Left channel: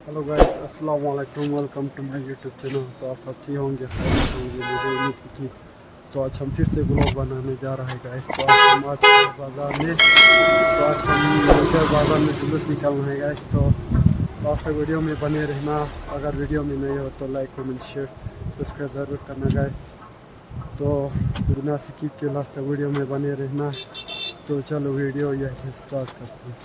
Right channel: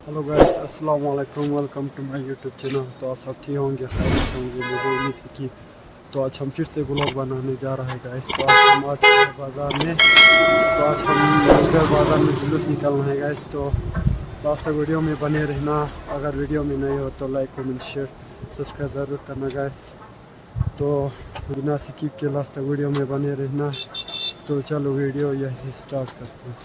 Hello guys, अस्सलाम वालेकुम, welcome to my YouTube channel. तो आप सब ठीक होंगे, खैरियत होंगे, मुझे उम्मीद है कि तो आज हम फिर से ब्लॉग बनाने जा रहे हैं गाइस। तो आज हम बाज़ार में बाज़ार में जुलूस निकलना है गाइस। तो लास्ट तक वीडियो में बने रहना। अगर वीडियो में नहीं हो तो लाइक कमेंट शेयर सब्सक्राइब ज़रूर करना गाइस। तो बिना स्किप के लास्ट तक वीडियो में बने रहना। तो चलो वीडियो यहीं से स्टार्ट करते हैं।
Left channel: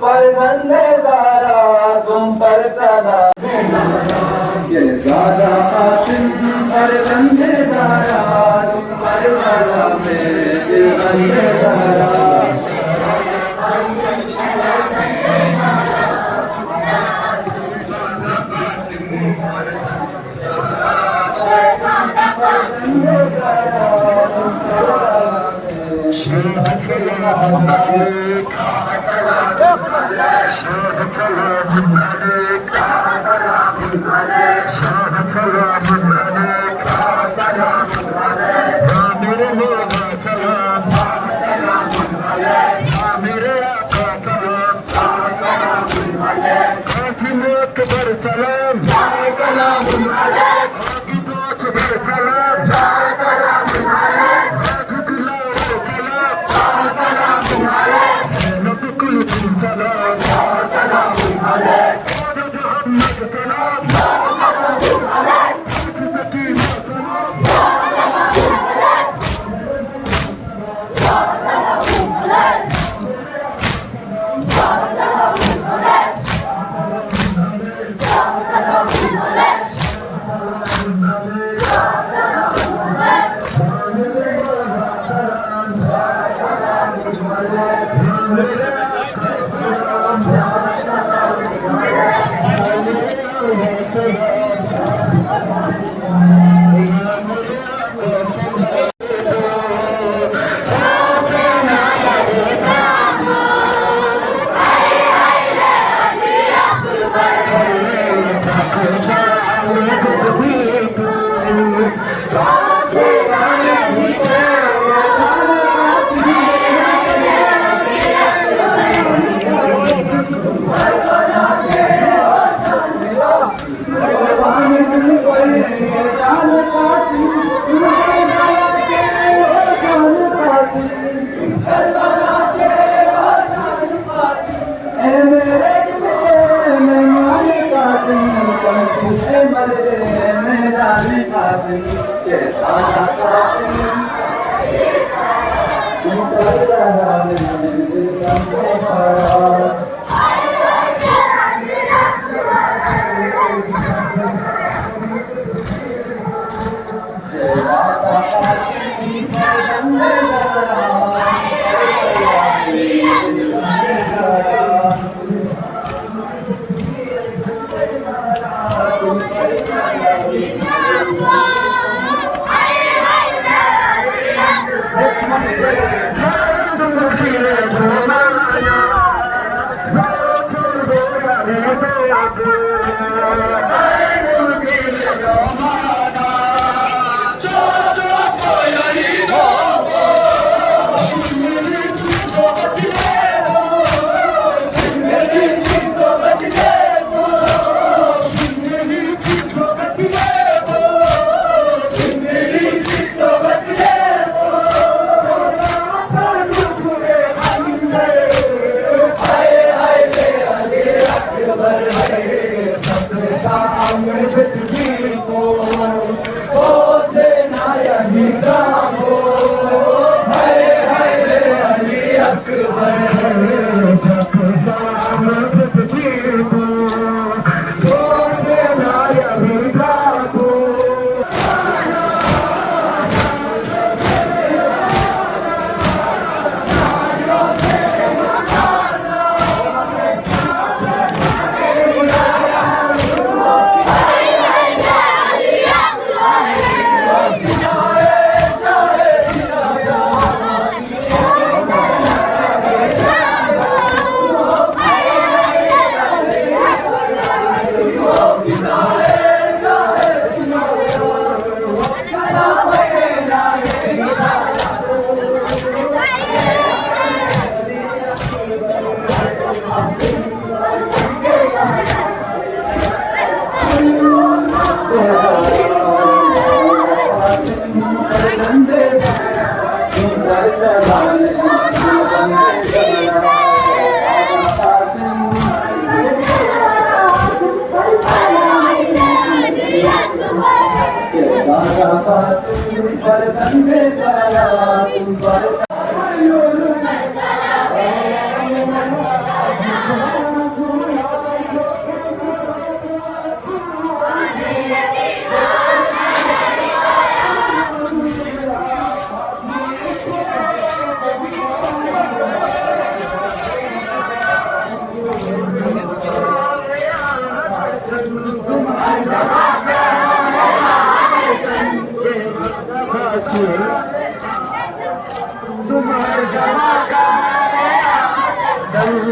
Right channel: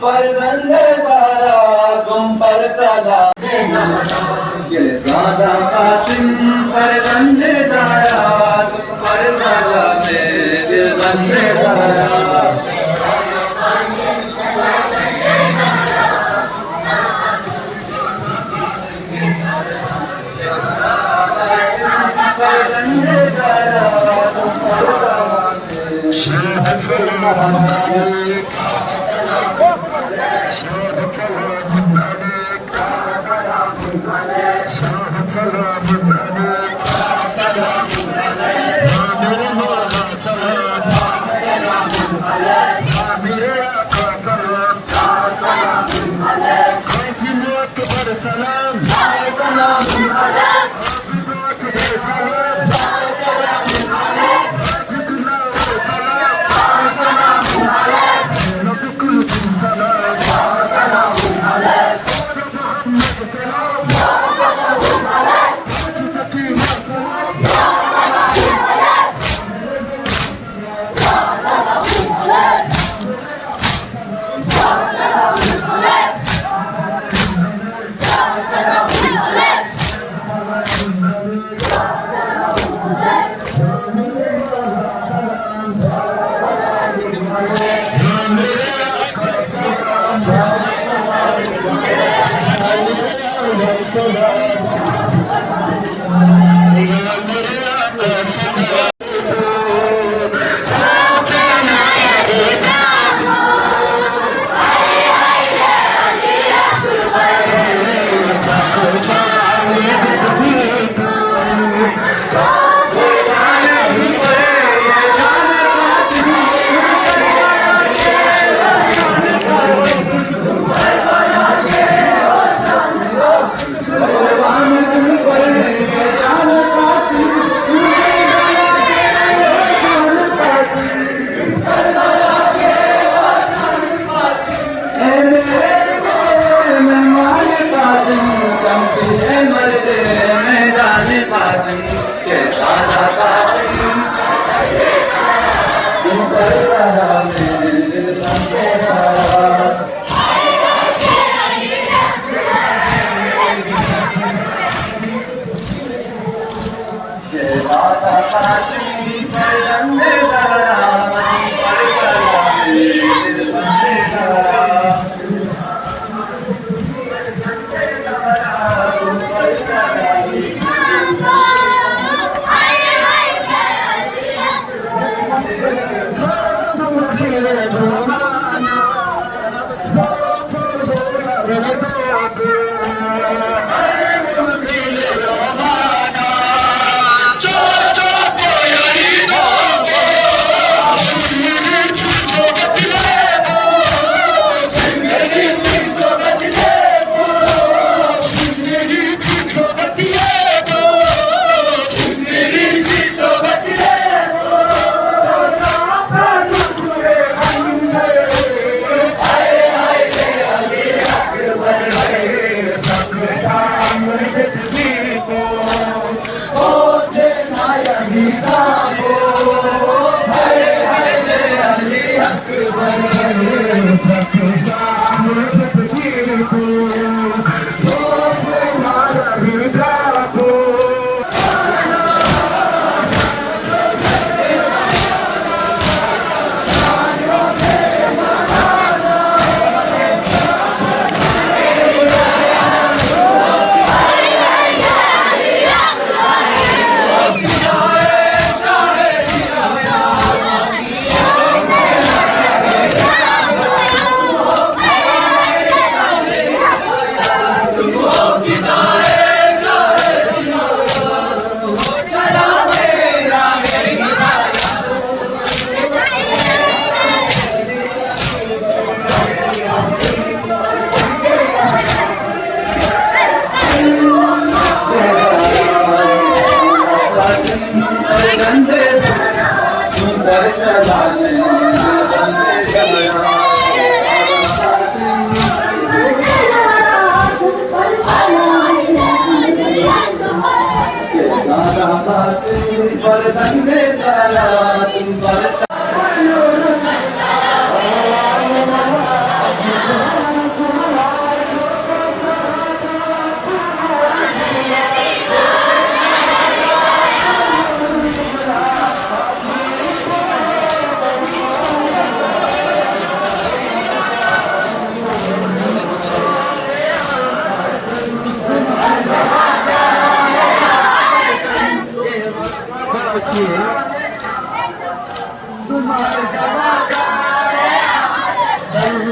पर गंदे दारा तुम पर सदा ये दादा पर गंदे दारा तुम पर सदा मेरे गंदे दारा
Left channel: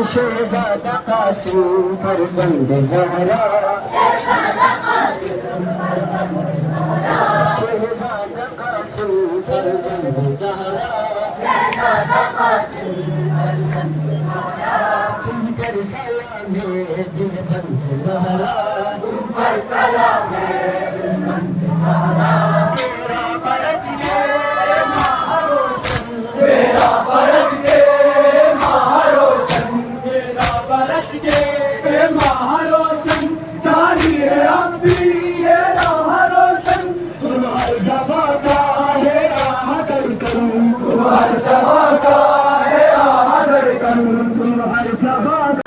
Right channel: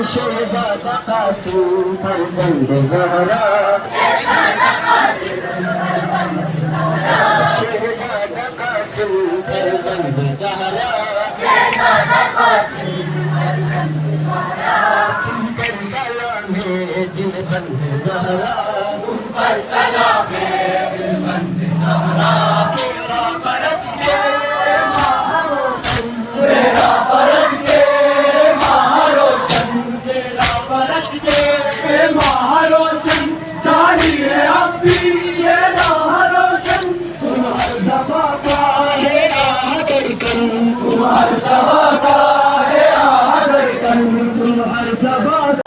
शहजादा कासिम फरजंद ज़हरा शहजादा कासिम फरजंद ज़हरा तुम पर सलाम है दिल बंद ज़हरा तुम पर सलाम है दिल बंद ज़हरा तेरा परस के महारोशन तेरा परस के महारोशन तेरा परस के महारोशन जानी है अब भी ये राह रोशन तुम हर जगह का है राह धड़कन तुम हर जगह का है राह धड़कन तुम हर जगह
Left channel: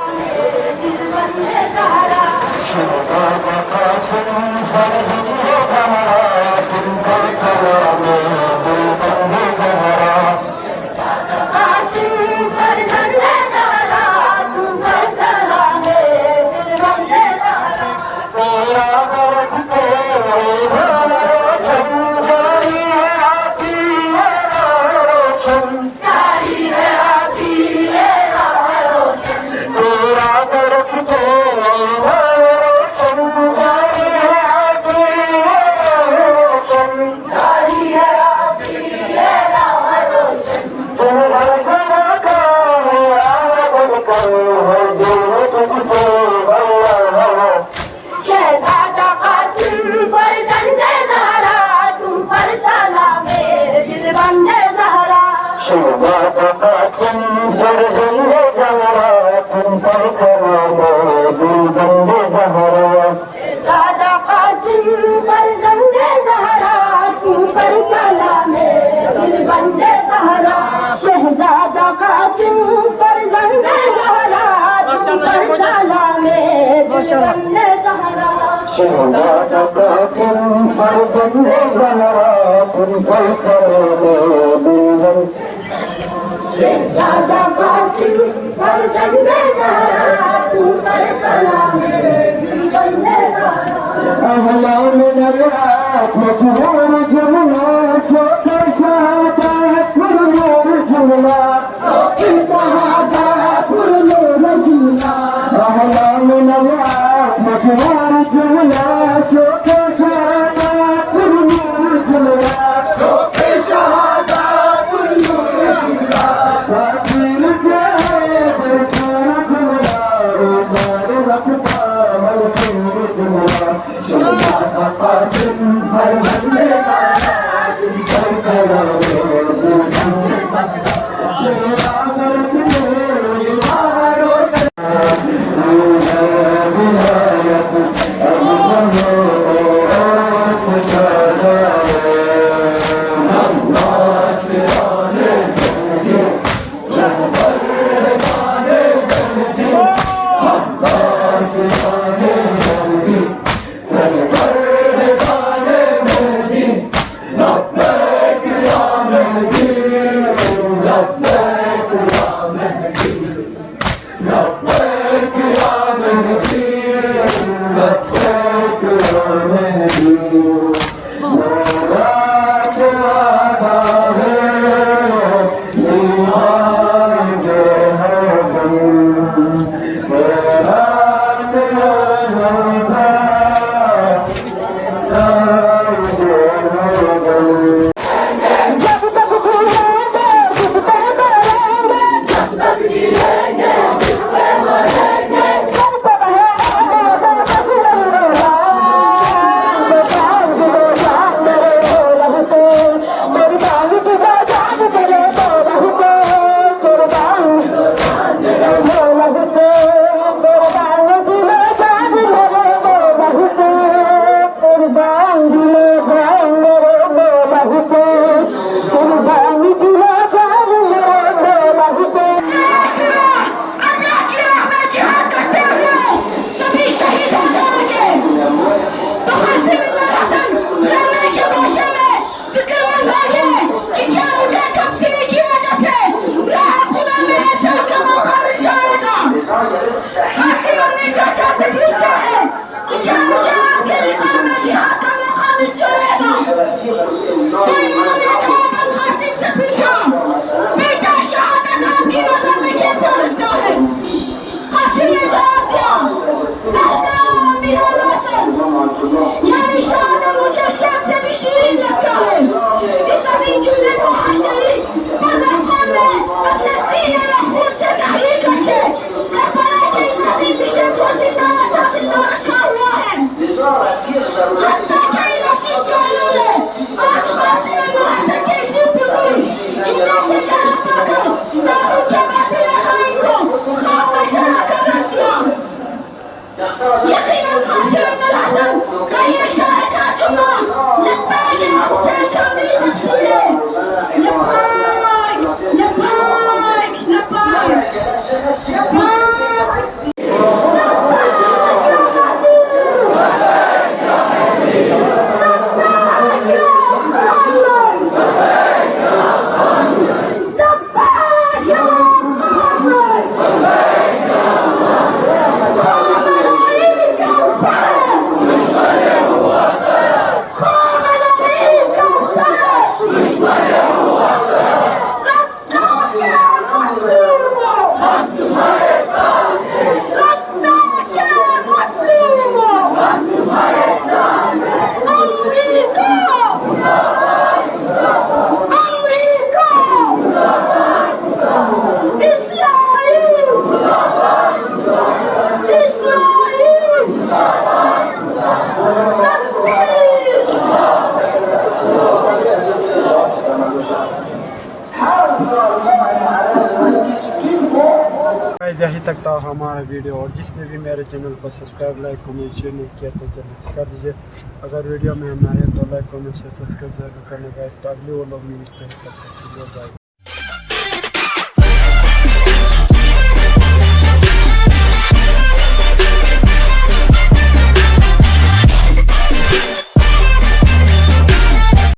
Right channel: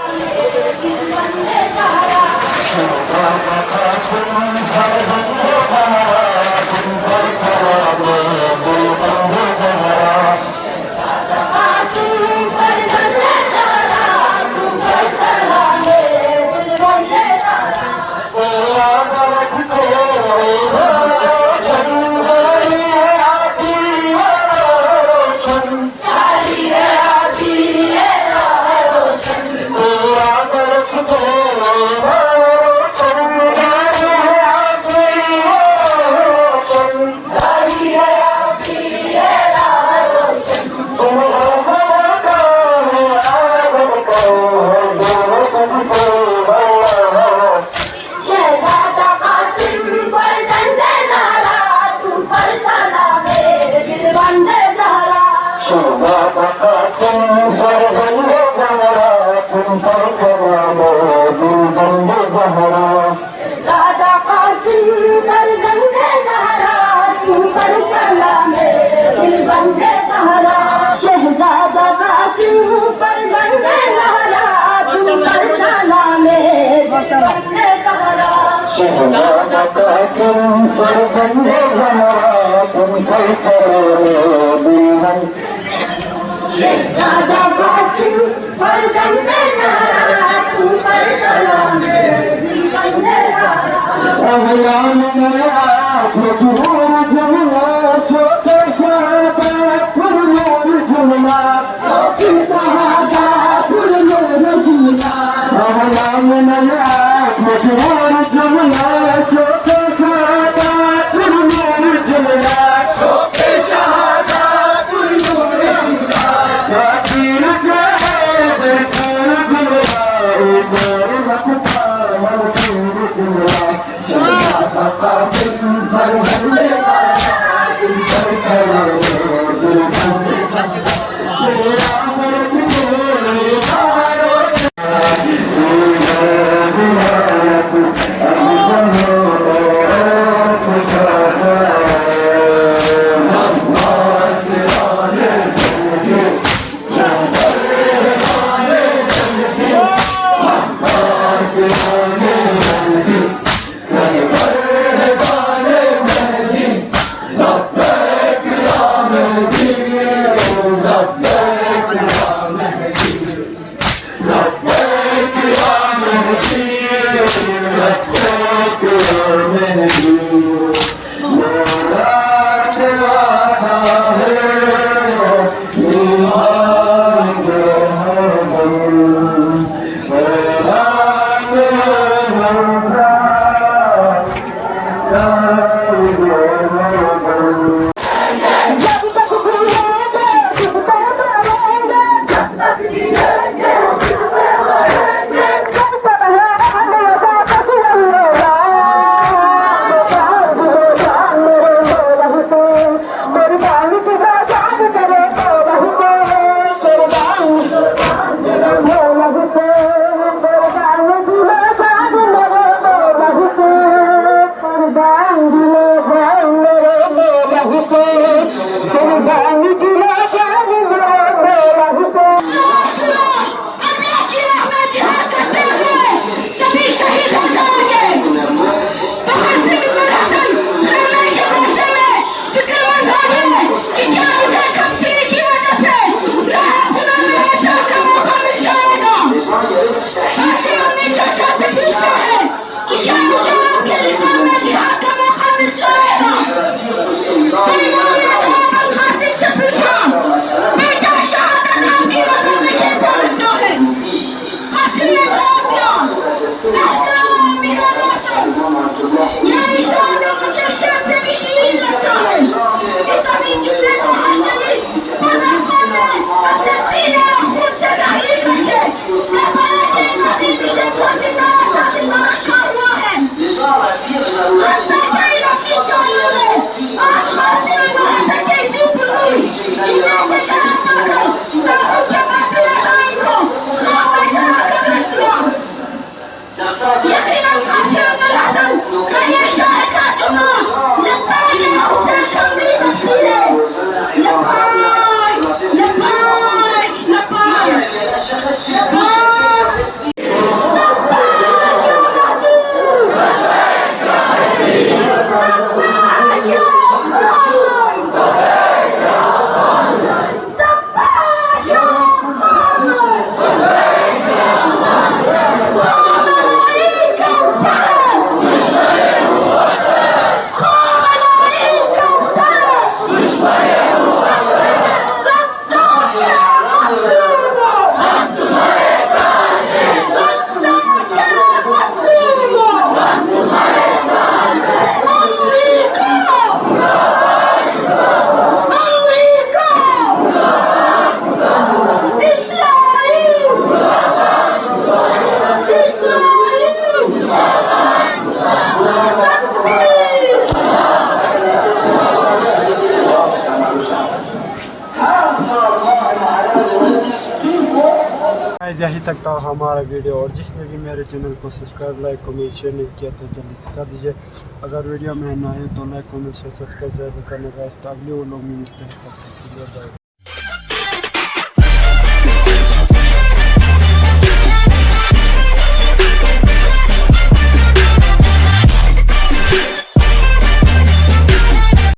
Bye. गाइस यहीं तक था हमारा वीडियो, और जिसने भी मेरे चैनल को सब्सक्राइब लाइक कमेंट शेयर नहीं किया तो जल्दी से कर दीजिए। अगर वीडियो में नया है तो लाइक कमेंट शेयर सब्सक्राइब जरूर करना गाइस। तो अगले व्लॉग में मिलते हैं, तब तक के लिए बाय।